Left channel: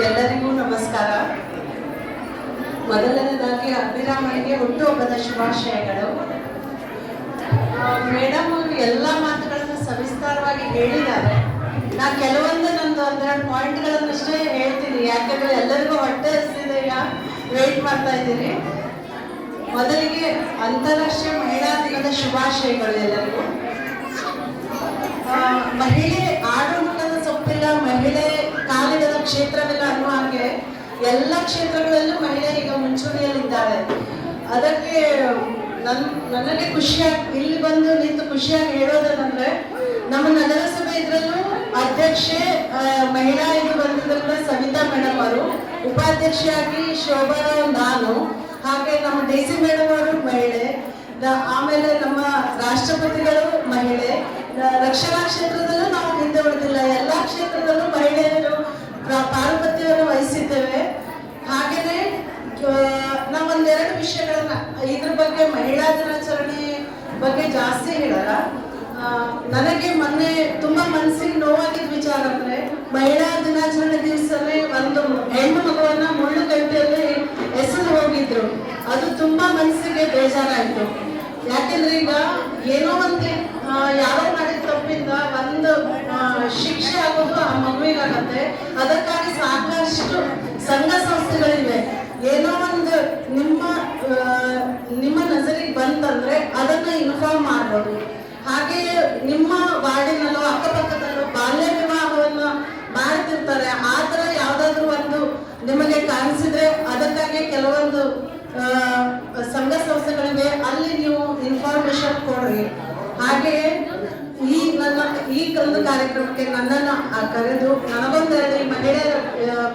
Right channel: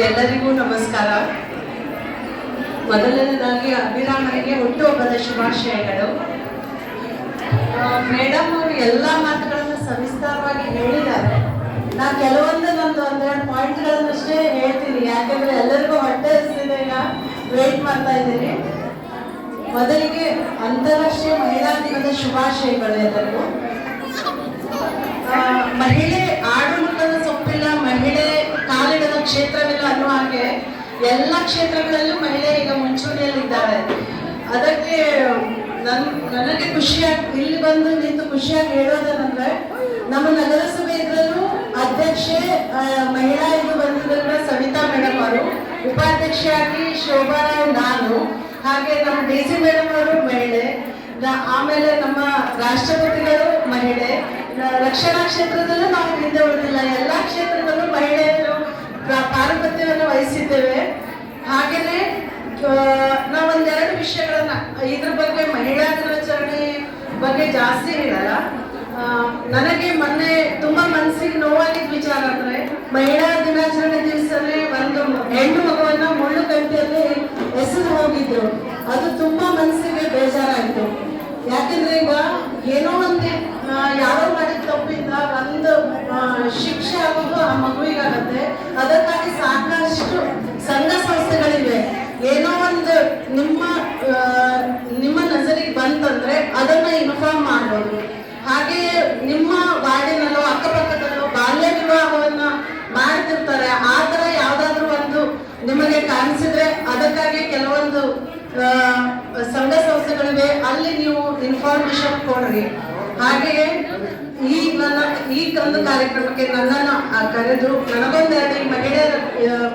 ಎಲ್ಲರಿಗೂ ನಮಸ್ಕಾರ. ಮೊದಲನೇದಾಗಿ ಅಭಿರಾಮನಿಗೆ ಹುಟ್ಟುಹಬ್ಬದ ಶುಭಾಶಯಗಳು. ಮೇಡಮ್ ಅವರು ಎಲ್ಲ ಮಾತುಗಳನ್ನು ಸವಿಸ್ತಾರವಾಗಿ ಹೇಳಿದ್ದಾರೆ. ನಾ ಕೆಲವೊಂದು ನಂದು ಒಂದೆರಡು ಪಾಯಿಂಟ್ಗಳನ್ನಷ್ಟೇ ಹೇಳ್ತೀನಿ. ಯಾಕಂದ್ರೆ ಎಲ್ಲರಿಗೂ ಹೊಟ್ಟೆ ಹಸಿದೆ ವೇಟ್ ಮಾಡ್ತಾ ಇದ್ದೀನಿ. ಮೊದಲಿಗೆ ಅಂತಾರಾಷ್ಟ್ರೀಯ ಮಹಿಳಾ ದಿನದ ಶುಭಾಶಯಗಳು ಎಲ್ಲರಿಗೂ. ಮಹಿಳೆ ಎಲ್ಲ ಕ್ಷೇತ್ರಗಳಲ್ಲೂ ಮಹಿಳೆ ಈಗ ಮುಂಚೂಣಿಯಲ್ಲಿದ್ದಾಳೆ ಅದಕ್ಕೆ ನನ್ ನನಗೆ ಖುಷಿಯಾಗಿ, ಇಲ್ಲಿ ಬಂದು ನಿಂತು ಖುಷಿಯಾಗಿ ಹೇಳೋದೇನಂದ್ರೆ, ನಮ್ಮ ನಗರಸಭೆ ಇದ್ರಲ್ಲೂ ಅಧ್ಯಕ್ಷೆ ಮಹಿಳಾ ಇದು ಬಂದಿದ್ರಿಂದ ಸವಿತಾ ಮೇಡಮ್ ಅವರು. ಉಪಾಧ್ಯಕ್ಷೆಯಾಗಿ ಶೋಭಾ ನಾನು. ಹಾಗೆ ನಮ್ಮ ಡಿ ಸಿ ಮೇಡಮ್ ಅವರು ಮಹಿಳೆ. ಆಮೇಲೆ ನಮ್ಮ ರಾಷ್ಟ್ರಪತಿಗಳು ಮಹಿಳೆ. ರಕ್ಷಣಾ ಕ್ಷೇತ್ರದಲ್ಲೂ ನಾವು ಹಿಂದೆ ಉಳಿದಿಲ್ಲ. ಎಲ್ಲ ಕ್ಷೇತ್ರದಲ್ಲೂ ಮಹಿಳೆಯರು ಪ್ರ- ಪಾರುಪತ್ಯವನ್ನು ವಹಿಸಿದ್ದೇವೆ ಹಾಗೆಯೇ ನಾವು ಒಂದೆರಡು ವಿಷಯಗಳನ್ನ ಇದ್ರ ಬಗ್ಗೆ ಮಹಿಳಾ ದಿನಾಚರಣೆ ಬಗ್ಗೆ ಜಾಸ್ತಿ ಹೇಳಲ್ಲ. ನನಗೆ ಮೊನ್ನೆ ತುಂಬಾ ಮನಸ್ಸಿಗೆ ನೋವಾಗಿದ್ದ ವಿಚಾರ ಅಂದ್ರೆ ಮಹಿಳಾ ದಿನಾಚರಣೆ ದಿವಸನೇ ಒಂದು ಹೆಣ್ಣು ಮಗುವನ್ನ ಮುಳ್ಳು ಗಂಟೆಯಲ್ಲಿ ಎಸೆದು ಹೋಗಿದ್ರು. ಅದು ತುಂಬಾ ಮನಸ್ಸಿಗೆ ಬೇಜಾರಾಯ್ತು. ಯಾಕೆಂದ್ರೆ ಈಗ ಏನೋ ಒಂದು ಯಾವ ಮಾಡಿದ ಒಂದು ಶಿಕ್ಷೆ ಆಗೋದು ಆ ಮಗುವಿಗಾಗತ್ತೆ. ಅದಕ್ಕಾಗಿ ಸಾಕಷ್ಟು ಸಂಘ ಸಂಸ್ಥೆಗಳಿವೆ. ಏನೋ ಒಂದು ನಿಮ್ಮ ಆ, ನಿಮ್ಮ ನಜರಿಗೆ ಬಂತಂದ್ರೆ ಅದನ್ನ ಇನ್ಫಾರ್ಮ್ ಮಾಡಬೇಕು ಹಾಗೆಯೇ ನಿಮ್ಮ ವಾರ್ಡಿನಲ್ಲೋ ಅಕ್ಕಪಕ್ಕದಲ್ಲೋ ಬಾಲ್ಯ ವಿವಾಹವನ್ನು ಮಾಡ್ತಿರ್ತಾರೆ ಆ ಥರ ಯಾವ್ದಾದ್ರು ಒಂದು ನಿಮಗೆ ಕಾಣಿಸಿದ್ರೆ ಅದಕ್ಕಾಗಿ ಕೆಲವೊಂದು ಸಂಘ ಸಂಸ್ಥೆಗಳಿವೆ. ಅಲ್ಲಿ ನೀವು ಇನ್ಫಾರ್ಮೇಶನ್ ಕೊಡ್ರಿ. ಹಾಗೆಯೇ ಈ ನನ್ನ, ಈ ಒಂದು ಕಾರ್ಯಕ್ರಮಕ್ಕೆ ನನ್ನನ್ನು ಕರೆದು ನನಗೊಂದೆರಡು ಮಹಿಳೆಯರ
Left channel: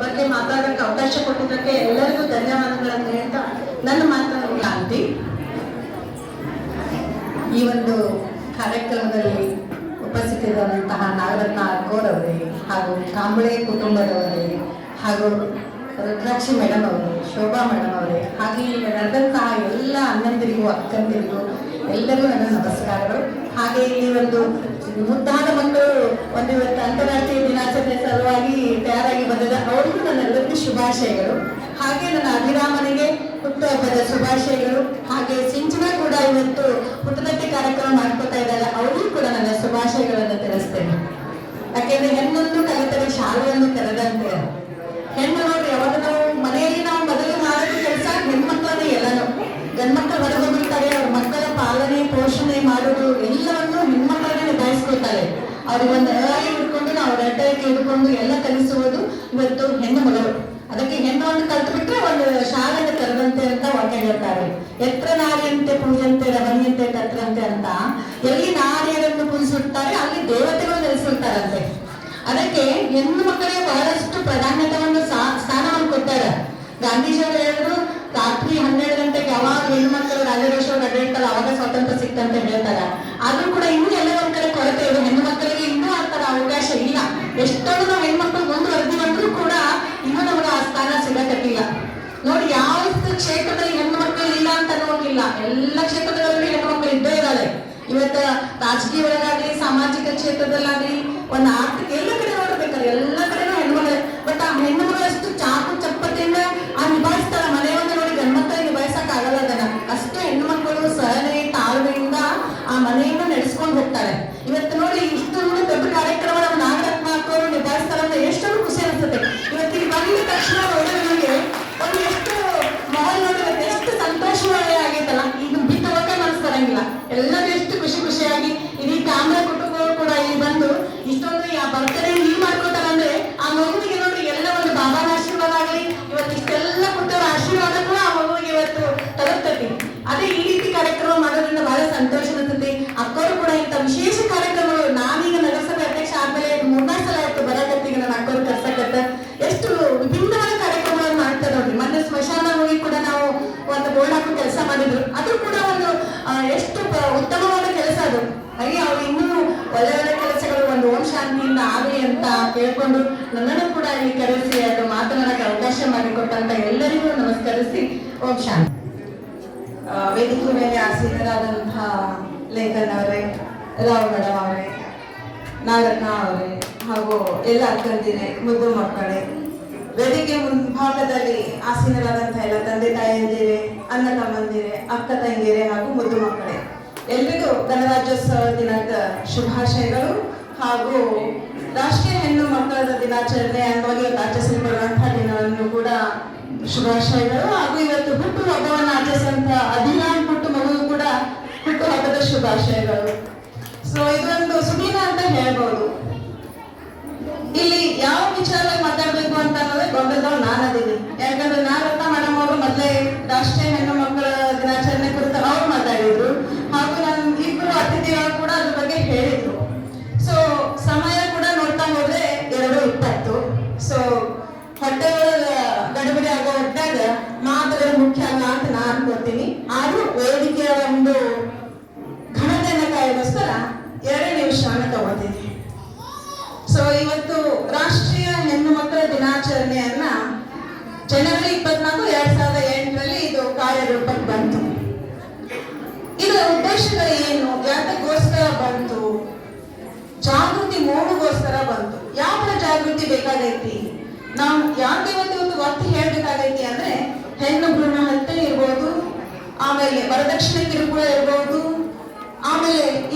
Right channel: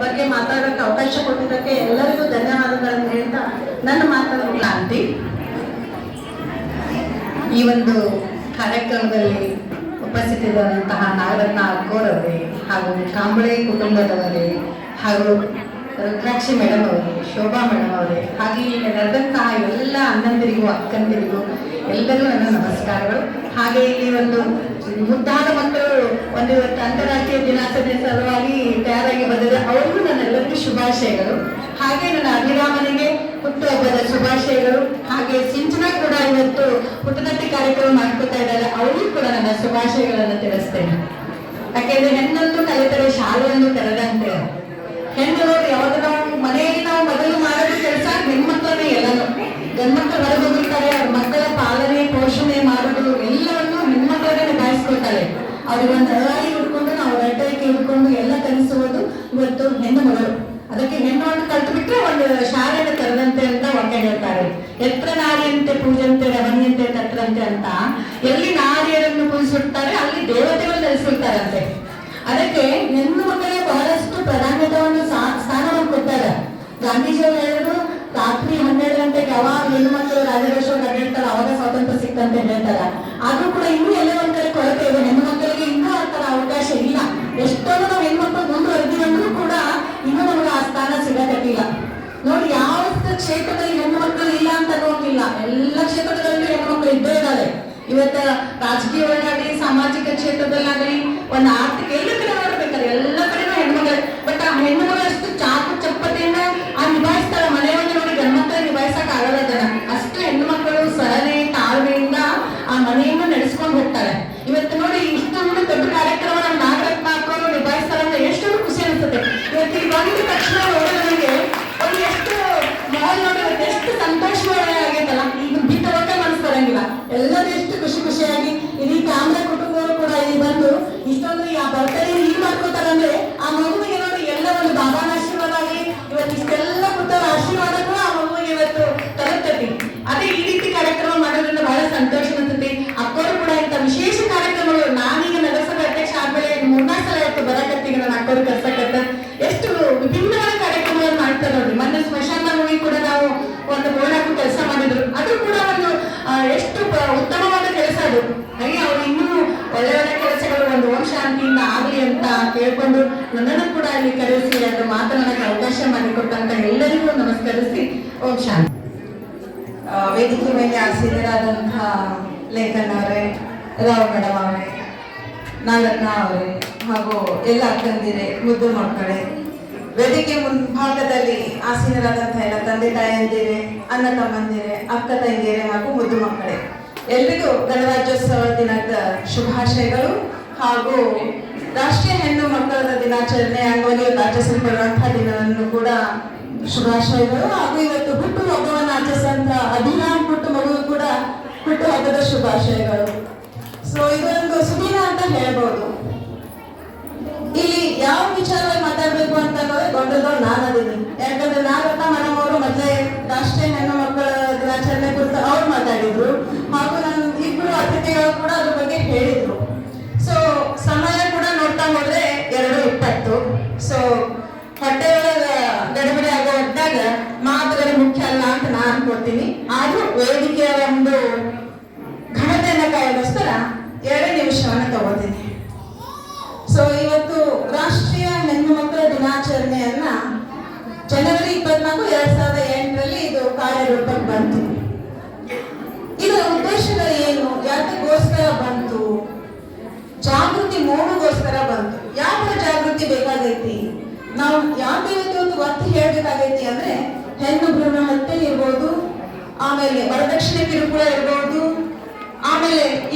ಬಗ್ಗೆ ಮಾತಾಡೋಕ್ಕೆ ಅವಕಾಶ ಕೊಟ್ಟಿದ್ದಕ್ಕೆ ಎಲ್ಲರಿಗೂ ಧನ್ಯವಾದಗಳನ್ನು ಹೇಳ್ತಾ ನನ್ನ ಮಾತನ್ನು ಕ್ರಾಂತಿ ಈ ಒಂದು ಕಾರ್ಯಕ್ರಮದಲ್ಲಿ ಉಪಸ್ಥಿತರಾದಂತಹ ನಾಗರತ್ನ ಅಕ್ಕೋರವರೇ ಹಾಗೂ ಕಾಂಬಳೆ ಕುಟುಂಬದವರೇ ಹಾಗೂ ರುದ್ರಾಕ್ಷಿ ಮೇಡಮ್ ಅವರು, ಶೋಭಾ ಮೇಡಮ್ ಅವರೇ, ಹಾಗೆ ಇಲ್ಲಿ ನಡೆದಂತಹ ಎಲ್ಲ ಅಣ್ಣಂದಿರಿಗೂ, ಅಕ್ಕಂದಿರಿಗೂ ಎಲ್ಲರಿಗೂ ನನ್ನ ನಮಸ್ಕಾರಗಳು. ಹಾಗೆ ಇಲ್ಲಿ ಒಂದು ಮುದ್ದಾದ ಮಕ್ಕಳು ಒಂದು ಅಂತಾರಾಷ್ಟ್ರೀಯ ದಿನಾಚರಣೆ ಸಲುವಾಗಿ ತಯಾರಾಗಿ ಬಂದಿದೆ. ಅವರಿಗೂ ನನ್ನೆಲ್ಲರಿಗೂ ಶುಭಾಶಯಗಳು. ಹಾಗೆ ನನ್ನ ಅಭಿರಾಮನಿಗೆ ಹುಟ್ಟುಹಬ್ಬದ ಶುಭಾಶಯಗಳು. ಹಾಗೆ ಸಿಂಚನ ಕೂಡ ಇವತ್ತು ಕಾರ್ಯಕ್ರಮ ಮಾಡ್ಕೊತಾ ಇದ್ದಾರೆ, ಅವರಿಗೂ ಕೂಡ ನನ್ನ ಶುಭಾಶಯಗಳನ್ನು ತಿಳಿಸ್ತೇನೆ. ಯಾಕೆಂದ್ರೆ ಹೆಣ್ಣೊಂದು ಕಲಿತರೆ ಶಾಲೆಯನ್ನು ತೆರೆದಂತೆ. ಹೆಣ್ಣು ನೋಡಿ ಯಾವಾಗ ನಾವು ಮನೆಯಲ್ಲಿ ನಾವು ಮೊದಲು ಮಾಡೋದು ಕೆಲಸ ಹೆಣ್ಮಕ್ಳನ್ನೇ ಎಲ್ಲಾನು ಗಂಡ್ಮಕ್ಳು ಹೊರಗೆ ಹೋಗಿರ್ತಾರೆ ಅವ್ರ ಮಕ್ಕಳ ಪಾಲನೆ, ಪೋಷಣೆ ಮಾಡೋದು ಎಲ್ಲವನ್ನು ಹೆಣ್ಮಕ್ಳನ್ನೇ ನಿಭಾಯಿಸ್ಕೊಳ್ತಾರೆ. ಅವ್ರಿಗೆ ಎಲ್ಲಿ ನಾರಿಯರನ್ನು ಪೂಜಿಸುತ್ತಾರೆ ಅಲ್ಲಿ ದೇವತೆಗಳು ನೆಲೆಸಿರ್ತಾರಂತೆ ಅದಕ್ಕೆ ಹೆಣ್ಣು ಮಕ್ಕಳಿಗೆ ಬಹಳಷ್ಟು ಪ್ರಾಧಾನ್ಯತೆಯನ್ನು ಸ್ಥಾನವನ್ನು ಕೊಟ್ಟಾರೆ ಗಾಂಧೀಜಿಯವರು ಹೇಳಿದ್ರು Thank you. ನನ್ನನ್ನು ಕೂಡ ಇಲ್ಲಿ ಕರೆಸಿ, ಅದು ಮಾತನಾಡಕ್ಕೆ ಅವಕಾಶ ಮಾಡಿಕೊಟ್ಟಂತ ಎಲ್ಲರಿಗೂ ನಮಸ್ಕರಿಸಿ, ಓಂ ಶಾಂತಿ. ವೇದಿಕೆ ಮೇಲೆ ಆಸೀನರಾದಂತಹ ಲೇಖನ್ ಅವರೇ, ರಾವ್ ಮೇಡಮ್ ಅವರೇ, ನಾಗರತ್ನ ಅವರೇ, ಹಾಗೂ ಎಲ್ಲ ಅಕ್ಕಂದಿರೆ, ಮುದ್ದು ಮಕ್ಕಳೇ, ವೇದಿಕೆ ಮುಂಭಾಗದಲ್ಲಿ ಆಸೀನರಾದಂತಹ ಎಲ್ಲ ತಂದೆ ತಾಯಂದಿರೆ, ಅಣ್ಣ ತಮ್ಮಂದಿರೆ, ಅಕ್ಕ ತಂಗಿಯರೆ ಹಾಗೂ ಮುದ್ದು ಮಕ್ಕಳೇ, ಎಲ್ರಿಗೂ ಗಣರಾಜ್ಯೋತ್ಸವ ದಿನದ ಶುಭಾಶಯಗಳು ಹಾಗೂ ರಾಷ್ಟ್ರೀಯ ಹೆಣ್ಣು ಮಕ್ಕಳ ದಿನಾಚರಣೆ ಅಂಗವಾಗಿ ಇವತ್ತು ಆಚರಿಸಲ್ಪಡುವಂತಹ ದಿನವನ್ನು ಕೂಡ ಶುಭಾಶಯಗಳು. ಹಾಗೂ ಇವತ್ತು ಹುಟ್ಟು ಹಬ್ಬವನ್ನು ಆಚರಿಸುವಂತಹ ಹದಿನಾಲ್ಕು ಹುಟ್ಟು ಮಗು ಜನವರಿ ಇಪ್ಪತ್ನಾಲ್ಕು ಎರಡ್ ಸಾವಿರದ ಎಂಟರಲ್ಲಿ ಇದು ಕಾರ್ಯರೂಪಕ್ಕೆ ಬಂತು. ಇದರ ಉದ್ದೇಶಗಳು ಏನು? ಯಾತಕ್ಕೋಸ್ಕರ ಬಂತು? ಜಾಗೃತಿ ಮೂಡಗೋಸ್ಕರ ಬಂತು. ಯಾವ ಜಾಗೃತಿ ಬೇಕಾಗೈತಿ? ನಾವು ಯಾಕೆ ಒಂದು ಒತ್ತಿ ಹೇಳ್ಬೇಕಾಗೈತಿ ಅಂದ್ರೆ, ಹೆಣ್ಣು ಭ್ರೂಣ ಹತ್ಯೆ ಇರ್ಬೋದು, ಆಮೇಲೆ ವರದಕ್ಷಿಣೆ ಕಿರುಕುಳ ಇರ್ಬೋದು, ಆಮೇಲೆ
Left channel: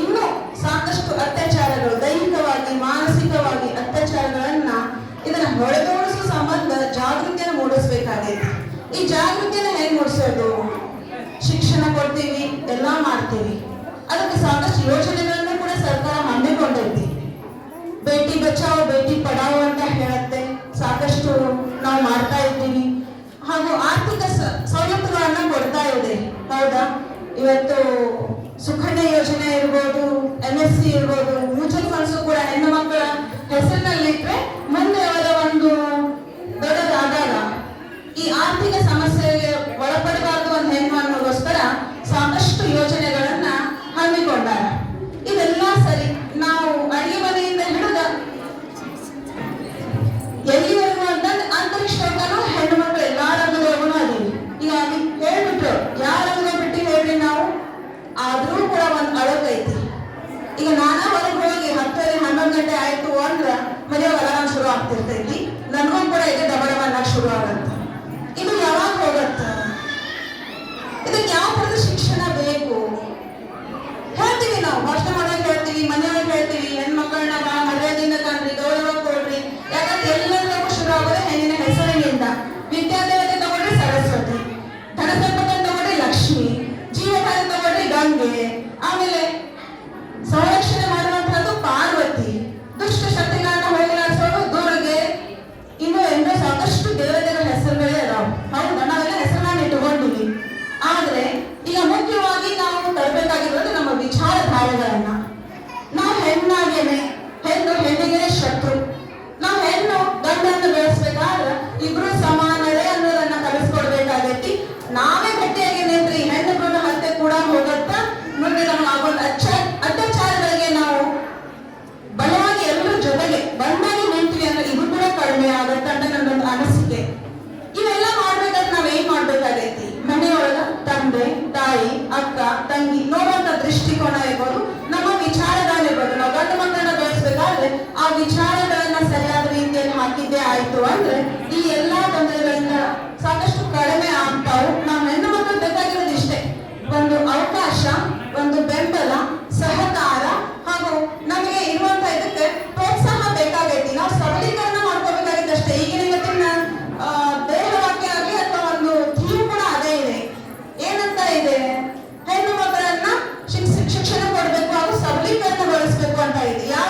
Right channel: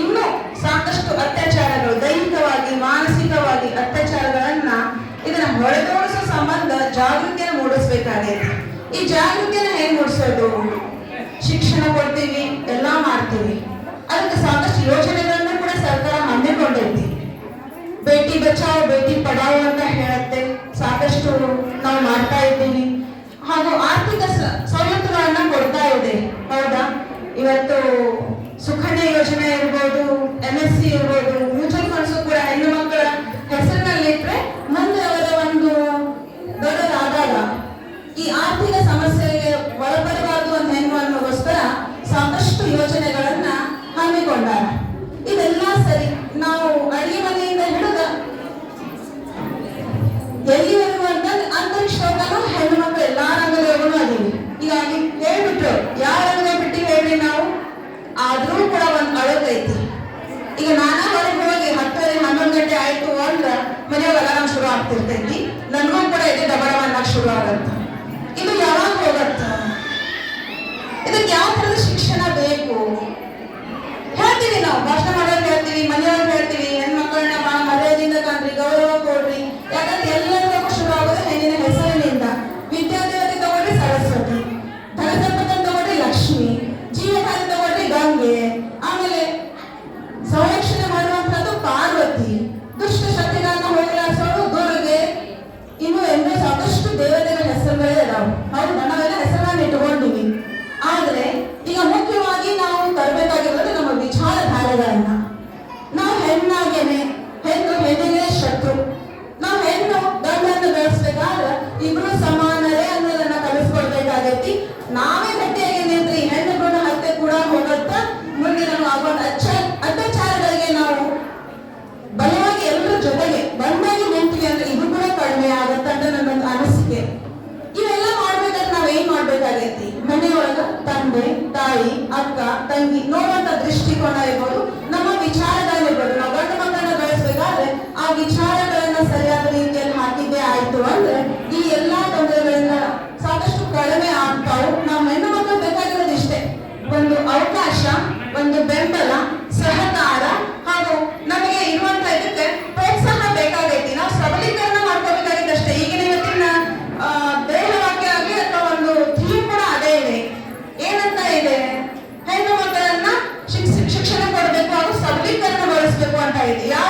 ಈ ಜಾಗೃತಿನ ಹೇಗೆ ಮೂಡಿಸೋದು? ಶಿಕ್ಷಣ ಕೊಡ್ತೀವಿ, ಎಲ್ಲ ಮಾಡ್ತೀವಿ. ಅದಕ್ಕೆ ಸಾಕಷ್ಟು ಯೋಜನೆಗಳನ್ನು ಕೂಡ ಸರ್ಕಾರ ಮಂಡಿಕೊಂಡೈತಿ ಬೇಟಿ ಬಚಾವ್, ಬೇಟಿ ಪಡಾವೋ ಅಂತ ಹೇಳುತ್ತೆ ಸಾಕಷ್ಟು ನಾವು ಮಾಡ್ತಾ ಇದ್ದೀವಿ. ಹಾಗೂ ಆರ್ಥಿಕ ಸವಲತ್ತುಗಳನ್ನ ಕೊಡ್ತಾ ಇದೆ. ಹೌದಾ? ಇವತ್ತು ಸುಖಣ್ಣ ಯೋಜನೆ ಇರ್ಬೋದು ಎಂ ಎಸ್ ಸಿ ಇರ್ಬೋದು el.